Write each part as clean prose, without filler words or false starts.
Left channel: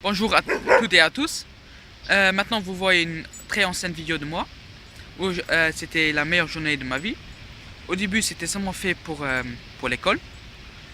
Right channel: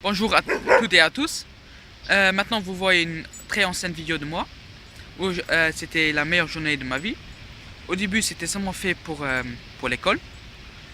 Bonjour à toutes et à tous. Maintenant, vous voyez une très ancienne vidéo de moi où c'était la meilleure journée de ma vie. Au début, c'était seulement fait pour l'école,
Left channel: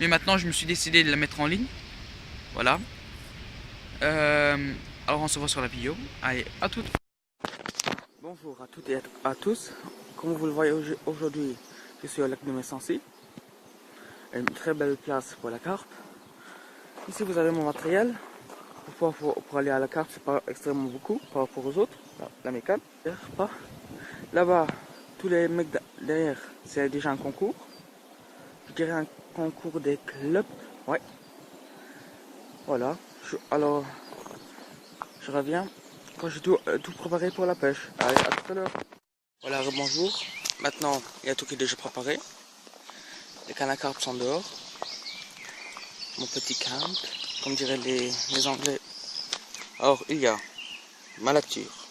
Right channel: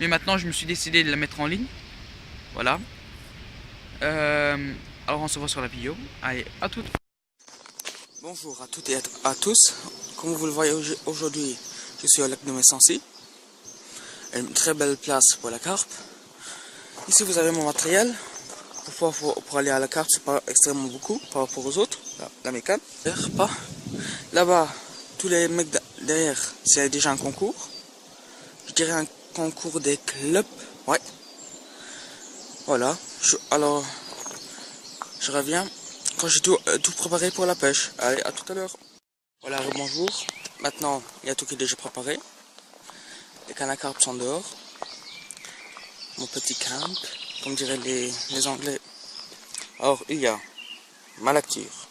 mais maintenant, je me suis décidé de la mettre en ligne. Voilà. Alors, on se voit sur la vidéo. Allez, à toutes. Bonjour à toutes et à tous. Comme vous le voyez aujourd'hui, je suis au lac de Messancy. Une très belle place pour la carpe. Ici, vous avez mon matériel. Pour aller à la carpe, c'est pas extrêmement beaucoup par rapport aux autres. La mécane. Pas. Là-bas, tous les mecs derrière, c'est déjà un concours. Je dirais un concours des clubs. Ouais. Voilà. Alors, je reviens quand j'ai tout préparé pour la pêche. Allez, à tout à l'heure. Voilà, bonjour. Maintenant, il y a tout qui est déjà préparé. Les cannes à carpe sont dehors. Mon petit camp, comme diraient les Anglais. Alors, il y a ma lacture,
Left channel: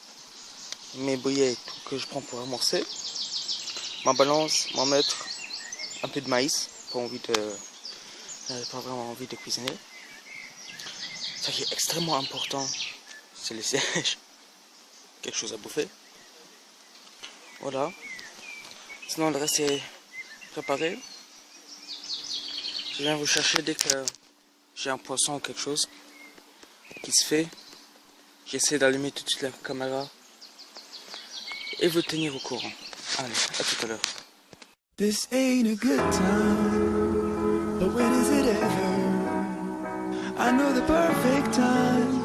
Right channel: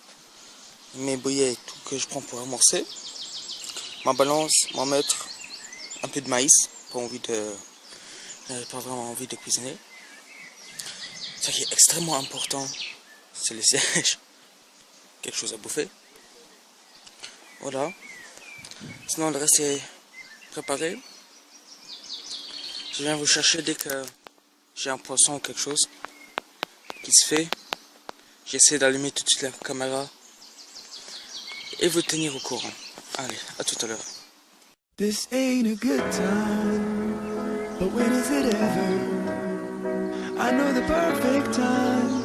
mes bouillets, tout que je prends pour amorcer, ma balance, mon mètre, un peu de maïs, pas vraiment envie de cuisiner. Ce qui est extrêmement important, c'est le siège, quelque chose à bouffer. Voilà. Sinon le reste est préparé. Je viens vous chercher dès que j'ai un poisson ou quelque chose qui se fait. J'essaie d'allumer tout de suite la caméra et vous tenir au courant. Allez, à tout à l'heure. This ain't a good time, but when is it ever? I know the perfect time,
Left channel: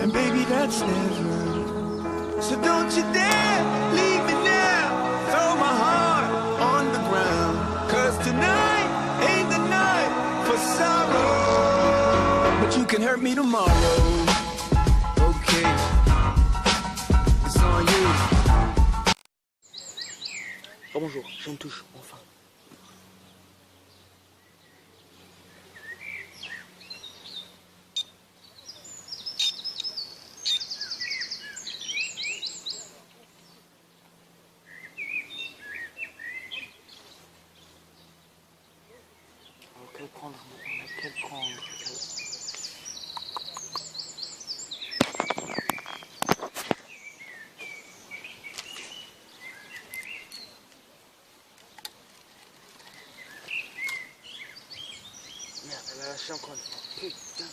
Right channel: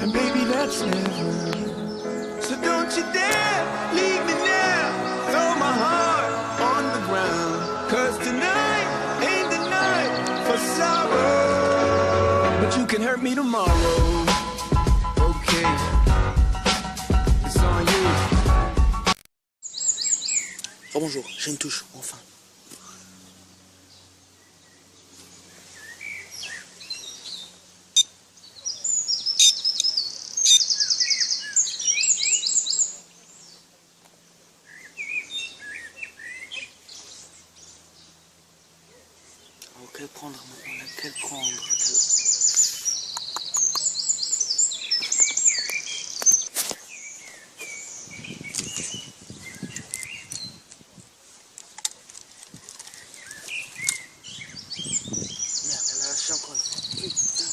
and baby that's never. So don't you dare leave me now, throw my heart on the ground. Cause tonight ain't the night for sorrow, but you can hurt me tomorrow. Okay, it's on you. Oh bonjour, j'ai une touche, enfin. Quel prendre maintenant? Quel prendre? Merde, elle a lâché encore une fois. Putain.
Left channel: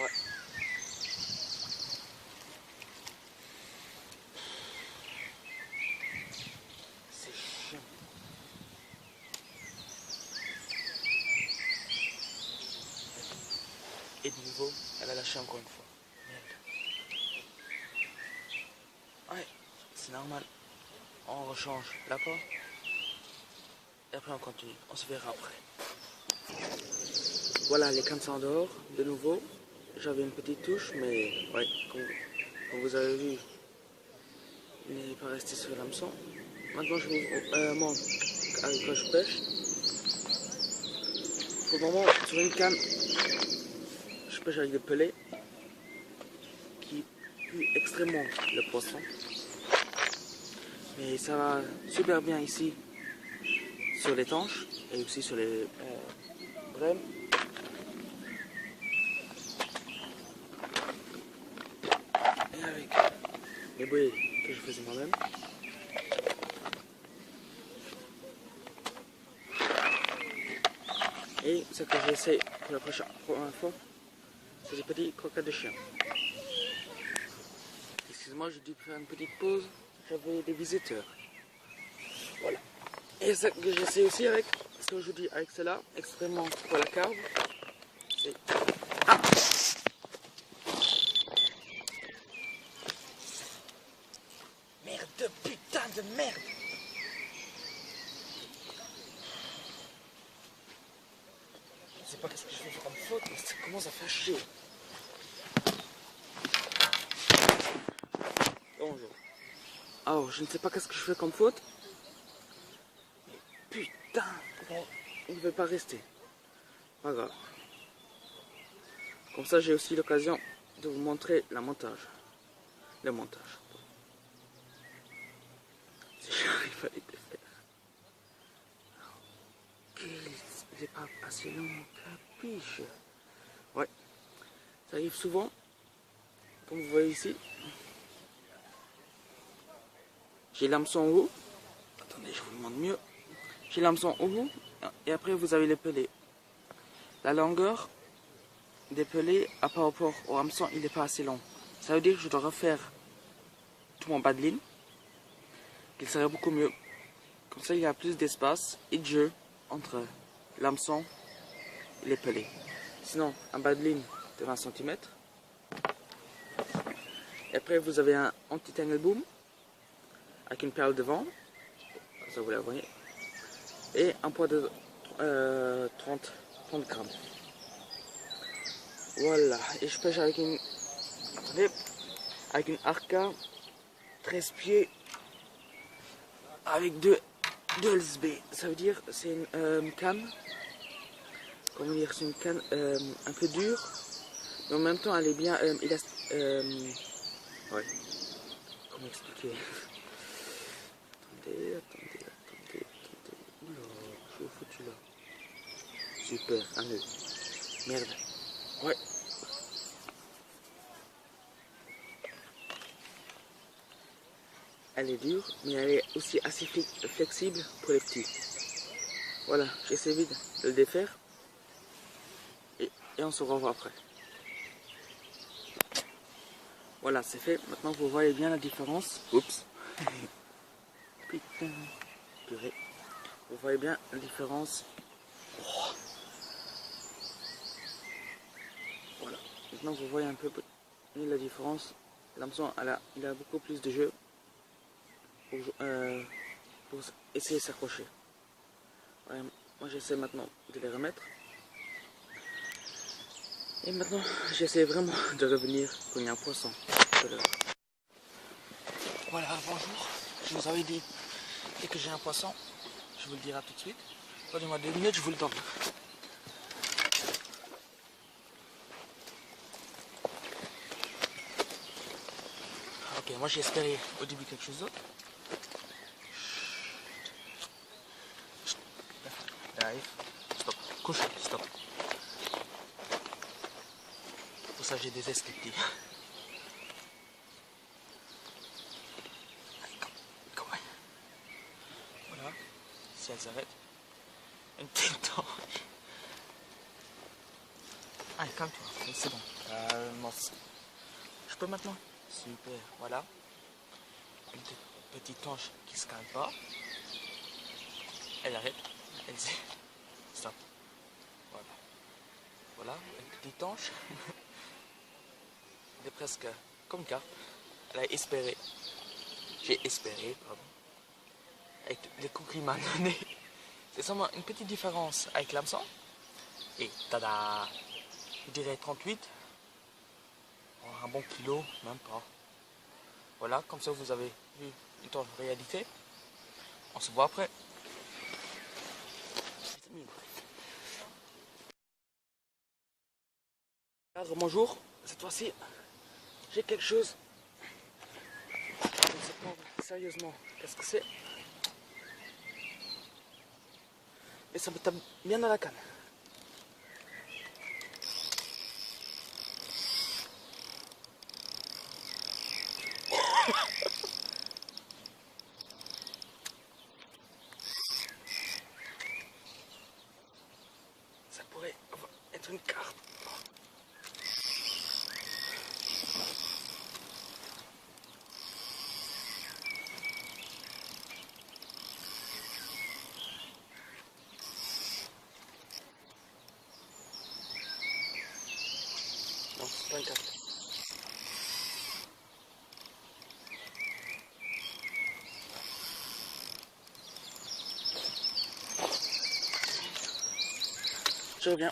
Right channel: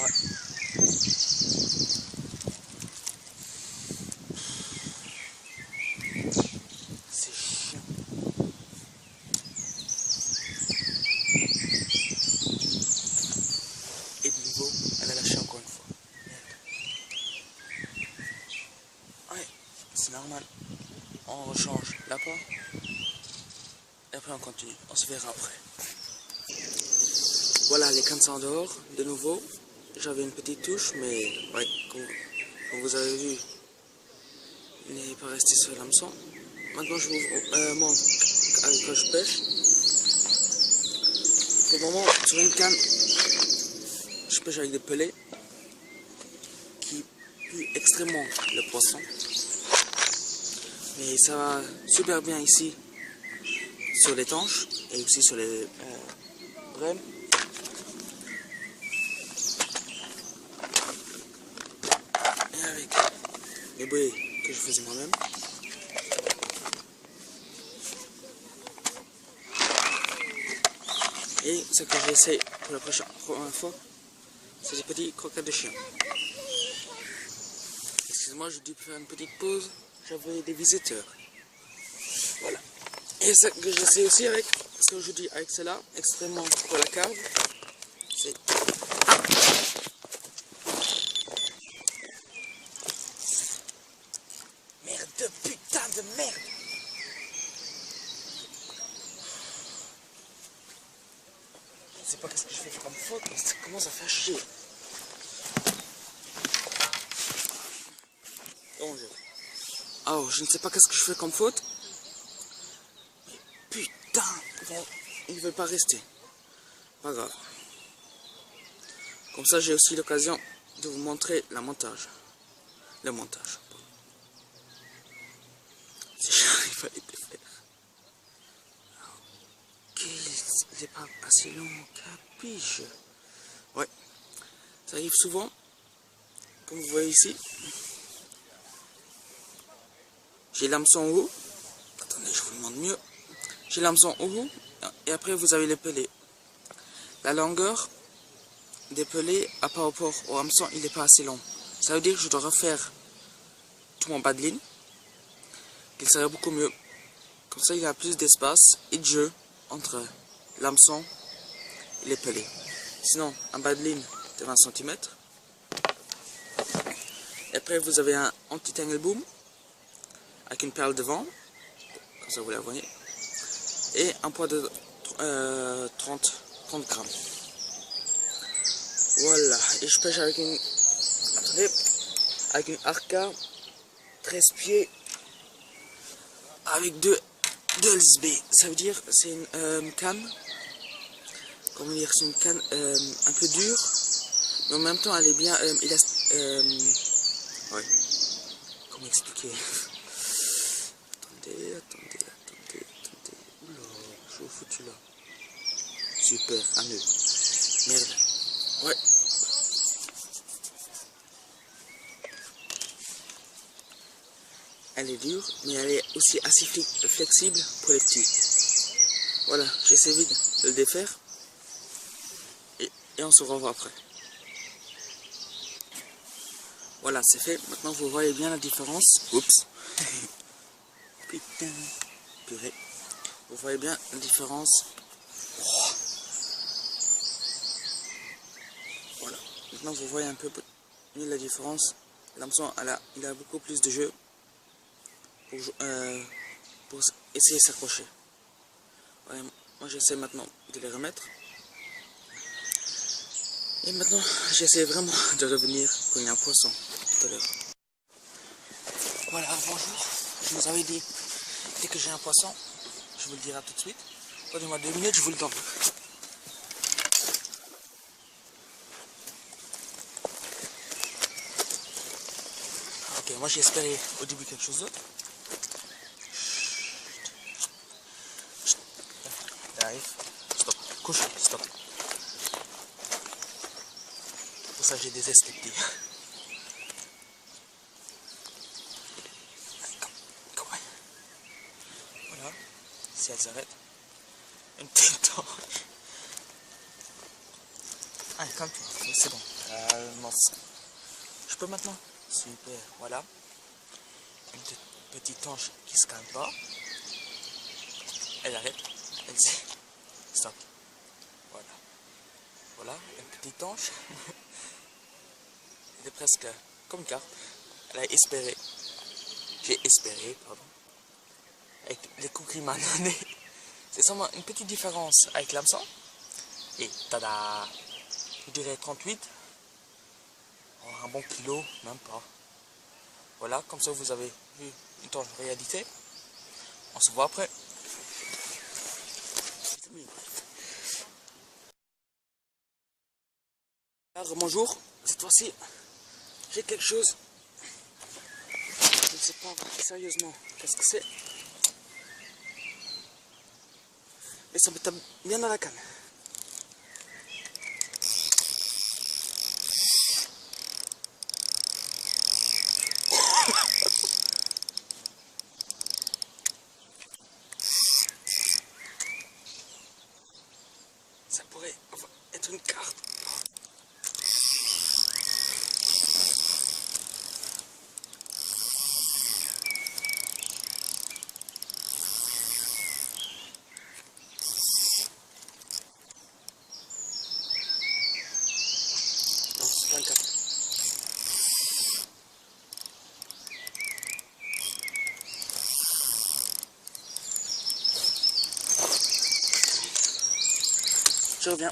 Ouais. C'est chiant. Et de nouveau, elle a lâché encore une fois. Merde. Ouais, c'est normal. On rechange l'apport. Et après on continue. On se verra après. Voilà, les cannes sont dehors. De nouveau, j'avais une petite touche, mais ouais, comme vous avez vu, il n'est pas resté sur l'hameçon. Maintenant, je vous montre avec quoi je pêche. Pour le moment, sur une canne, je pêche avec des pelets qui puent extrêmement le poisson. Mais ça va super bien ici sur les tanches et aussi sur les brèmes. Et avec les bouées que je faisais moi-même. Et ce que j'essaie pour la première fois, c'est des petits croquettes de chien. Excusez-moi, j'ai dû faire une petite pause. J'avais des visiteurs. Voilà. Et ce que j'essaie aussi avec, parce qu'aujourd'hui avec cela, extrêmement pour la carve, c'est... Ah, merde, putain de merde. Je sais pas qu'est-ce que je fais comme faute, mais ça commence à faire chier. Bonjour. Alors, je ne sais pas qu'est-ce que je fais comme faute. Mais putain, il veut pas rester. Pas grave. Comme ça, j'ai aussi l'occasion de vous montrer le montage. Si j'arrive à les défaire. Ok, il n'est pas assez long, capiche. Ouais. Ça arrive souvent, comme vous voyez ici. J'ai l'hameçon en haut. Attendez, je vous le montre mieux. J'ai l'hameçon en haut et après vous avez les pelés. La longueur des pelés par rapport au hameçon, il n'est pas assez long. Ça veut dire que je dois refaire tout mon bas de ligne, qu'il serait beaucoup mieux. Comme ça, il y a plus d'espace et de jeu entre l'hameçon et les pelés. Sinon, un bas de ligne de 20 cm. Et après, vous avez un anti-tangle boom avec une perle devant, comme ça vous la voyez, et un poids de 30 grammes. Voilà, et je pêche avec une, attendez, avec une Arca 13 pieds avec deux LSB. Ça veut dire c'est une canne, comment dire, c'est une canne un peu dure, mais en même temps elle est bien ouais, comment expliquer. Attendez. Oula, je suis foutu là. Super, un nœud. Merde. Ouais. Elle est dure, mais elle est aussi assez flexible pour les petits. Voilà, j'essaie vite de le défaire. Et on se revoit après. Voilà, c'est fait. Maintenant, vous voyez bien la différence. Oups. Putain. Purée. Vous voyez bien la différence. Oh. Voilà. Maintenant, vous voyez un peu mieux la différence. L'hameçon, il a beaucoup plus de jeu pour essayer de s'accrocher. Ouais, moi, j'essaie maintenant de les remettre. Et maintenant, j'essaie vraiment de revenir quand il y a un poisson tout à l'heure. Voilà, bonjour. Je vous avais dit, dès que j'ai un poisson, je vous le dirai tout de suite. Donnez-moi 2 minutes, je vous le donne. Ok, moi j'ai espéré au début quelque chose d'autre. Dive. Stop. Couche. Stop. Pour ça j'ai des esthetiques. Voilà. Si elle s'arrête. Une petite tanche. Allez, calme-toi. C'est bon. Calme. Je peux maintenant? Super. Voilà. Une petite tanche qui se calme pas. Elle arrête. Elle dit stop. Voilà. Voilà. Une petite tanche. Elle est presque comme une carte. Elle a espéré. J'ai espéré, pardon. Avec les coups qu'il m'a donné. C'est seulement une petite différence avec l'hameçon. Et tada! Je dirais 38. Oh, un bon kilo, même pas. Voilà, comme ça vous avez vu une tanche réalité. On se voit après. Alors, bonjour, cette fois-ci, j'ai quelque chose. Je ne sais pas sérieusement qu'est-ce que c'est. Mais ça me tape bien dans la canne. Ça pourrait être une carte. Non, c'est pas une carte. Je reviens.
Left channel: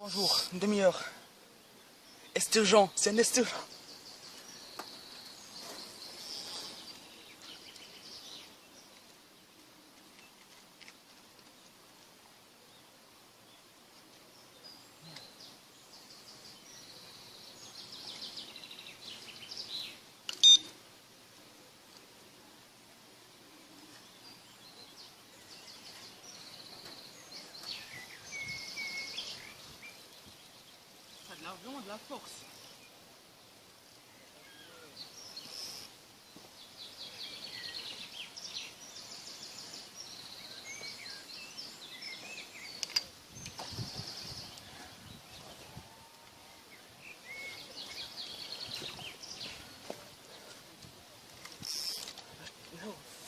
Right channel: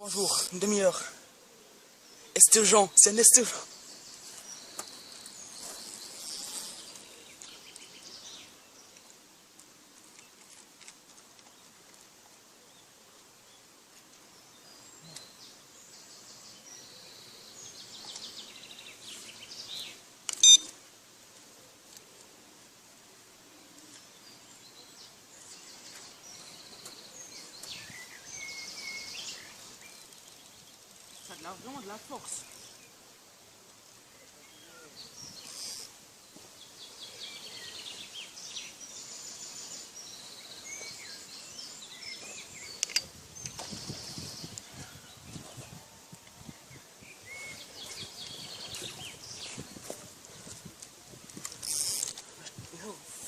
Bonjour, une demi-heure. Esturgeon, c'est un esturgeon. vraiment de la force.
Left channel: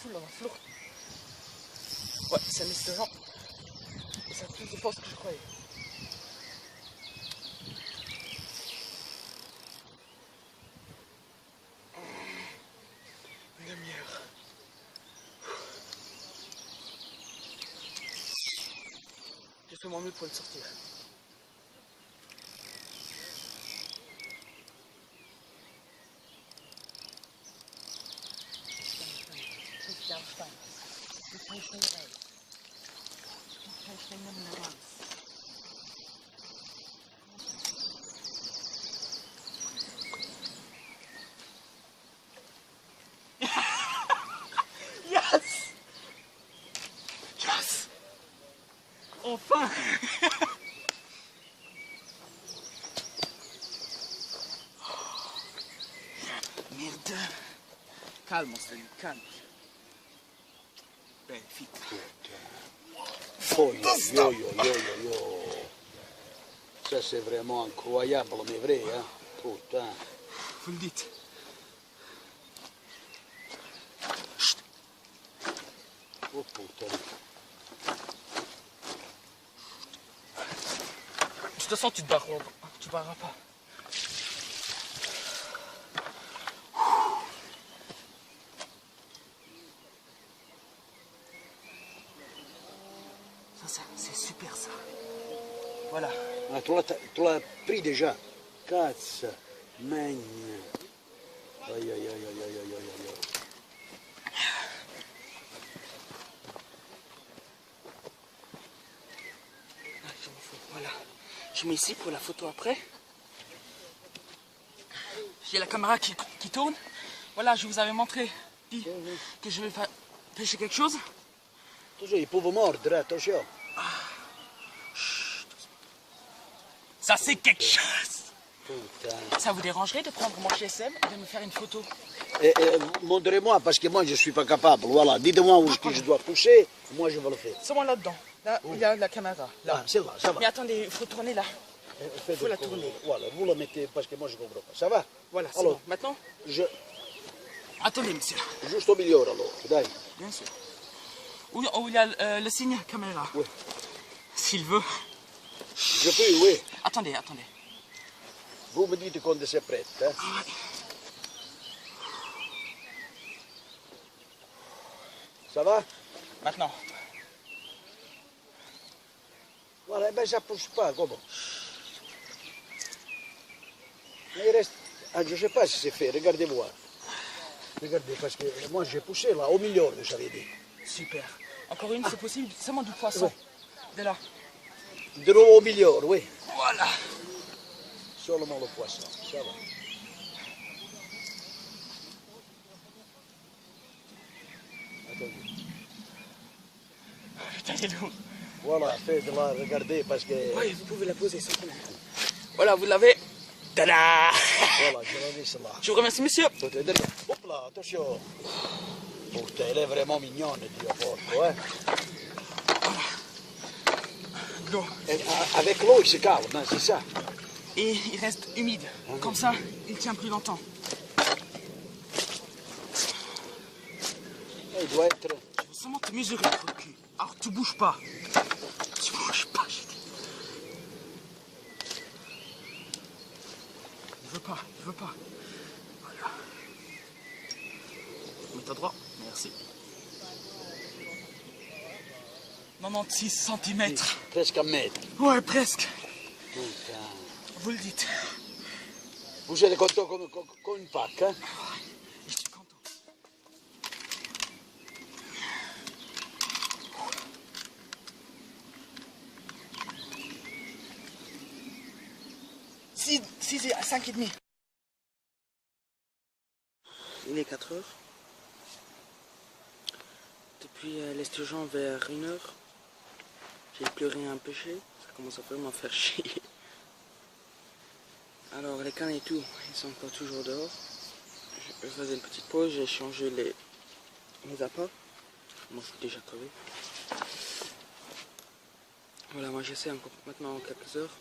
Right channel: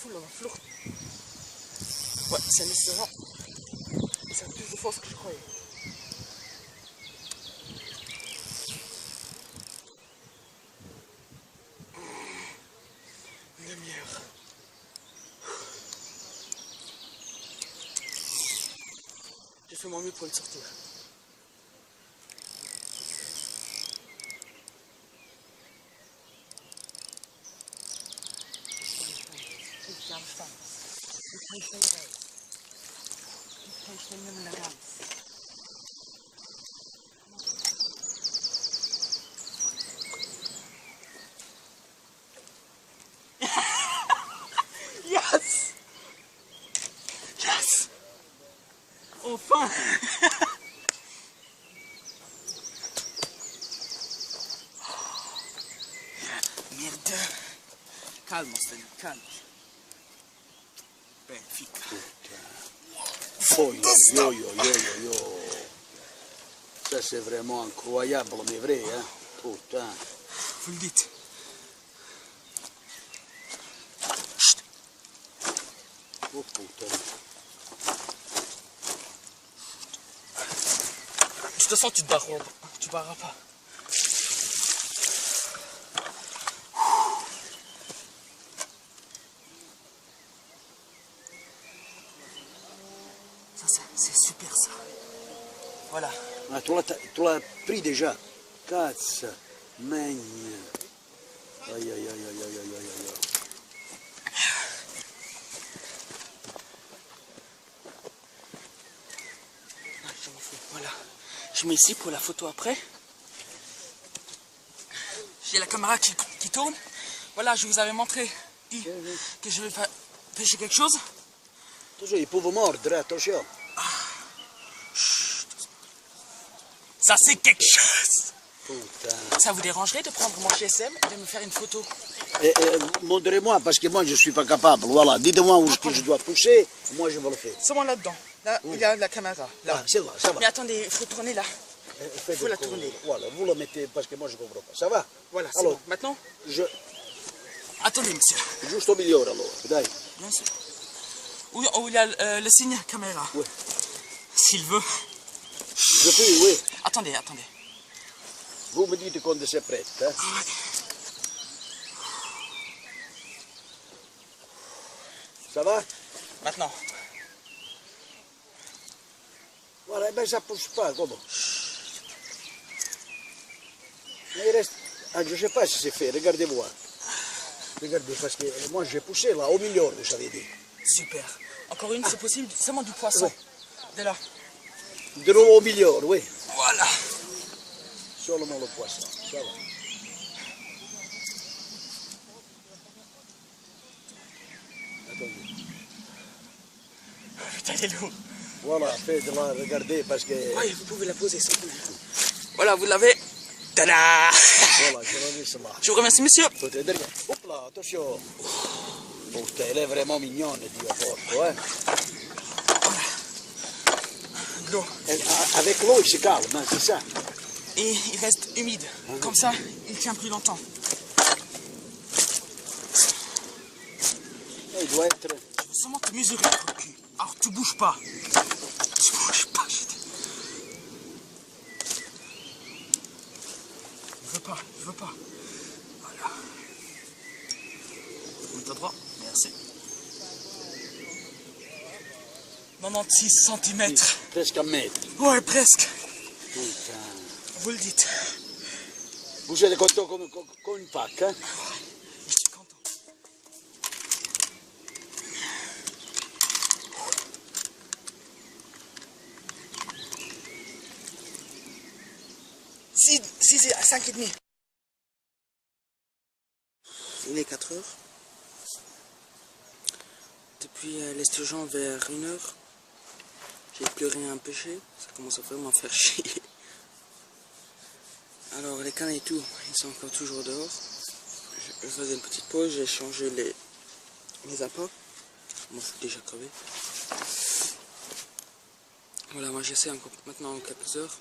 Full dans la flotte. Ouais, c'est un restaurant. Et ça a plus de force que je croyais. Une demi-heure. J'ai fait mon mieux pour le sortir. Yes! Yes! Enfin! Merde! Calme, Stéphane, calme. Magnifique. Yo. Ça c'est vraiment incroyable, mais vrai, hein. Putain. Vous le dites. Oh putain. De toute façon, tu te barreras pas. Tu te barreras pas. Ça, c'est super ça. Voilà. Ah, tu l'as pris déjà. Cazzo. Magne. Aïe. Voilà. Je mets ici pour la photo après. J'ai la caméra qui tourne. Voilà, je vous avais montré que je vais pêcher quelque chose. Attention, ils peuvent mordre, attention. Ça, c'est quelque chose. Putain. Ça vous dérangerait de prendre mon GSM et de me faire une photo? Montrez-moi, parce que moi je ne suis pas capable. Voilà, dites-moi où est-ce que je dois toucher, moi je vais le faire. Seulement là-dedans. Là, il y a la caméra. Là. Ah, c'est là, ça va. Mais attendez, il faut tourner là. Il faut la tourner. Voilà, vous la mettez parce que moi je ne comprends pas. Ça va? Voilà, c'est alors, bon. Maintenant, attendez, monsieur. Juste au milieu alors, dai. Bien sûr. Où il y a le signe caméra. Oui. S'il veut. Je peux, oui. Attendez. Vous me dites quand c'est prêt. Hein? Ça va? Maintenant. Voilà, ben ça ne pousse pas, comment? Mais il reste... Ah, je ne sais pas si c'est fait, regardez-moi. Regardez, parce que moi j'ai poussé là, au milieu, vous savez dit. Super. Encore une, c'est possible, seulement du poisson. De là. De l'eau au milieu, oui. Voilà. Seulement le poisson, ça va. Attendez. Putain, il est lourd. Voilà, faites-la, regardez, parce que... Oui, vous pouvez la poser sans problème. Voilà, vous l'avez. Tada! Voilà, je la laisse là. Je vous remercie, monsieur. Tout est derrière. Hop là, attention. Putain, elle est vraiment mignonne, Dio porco, hein. L'eau. Et avec l'eau, il se calme, hein, c'est ça. Et il reste humide. Comme ça, il tient plus longtemps. Il doit être... Je veux seulement te mesurer le cul. Alors, tu bouges pas. Tu bouges pas, je dis. Je veux pas. Voilà. Mets-toi droit. Merci. 96 cm. Presque un mètre. Ouais, presque. Putain. Vous le dites. Vous êtes content comme une Pâques, hein? Je suis content. Six et 5h30. Il est 4h. Depuis l'esturgeon vers 1h, j'ai plus rien à pêcher. Ça commence à vraiment faire chier. Alors les cannes et tout, ils sont encore toujours dehors. Je faisais une petite pause, j'ai changé les appâts. Moi je suis déjà crevé. Voilà, moi j'essaie encore maintenant quelques heures.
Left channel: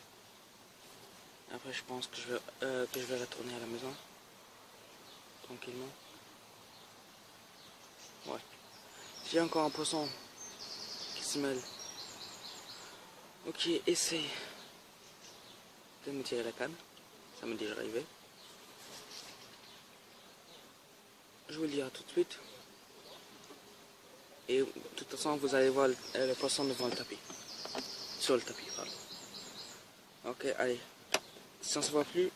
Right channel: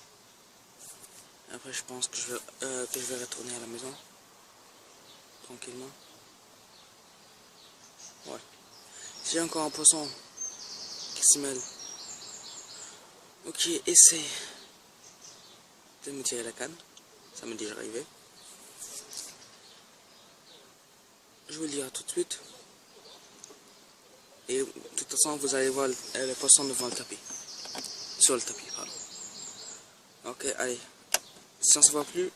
Après je pense que je vais retourner à la maison. Tranquillement. Ouais. J'ai encore un poisson qui se mêle. Ok, essaye de me tirer la canne. Ça m'est déjà arrivé. Je vous le dirai tout de suite. Et de toute façon, vous allez voir le poisson devant le tapis. Sur le tapis, pardon. Ok, allez. Si on ne se voit plus,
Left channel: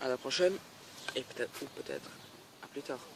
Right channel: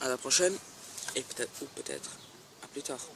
à la prochaine. Et peut-être à plus tard.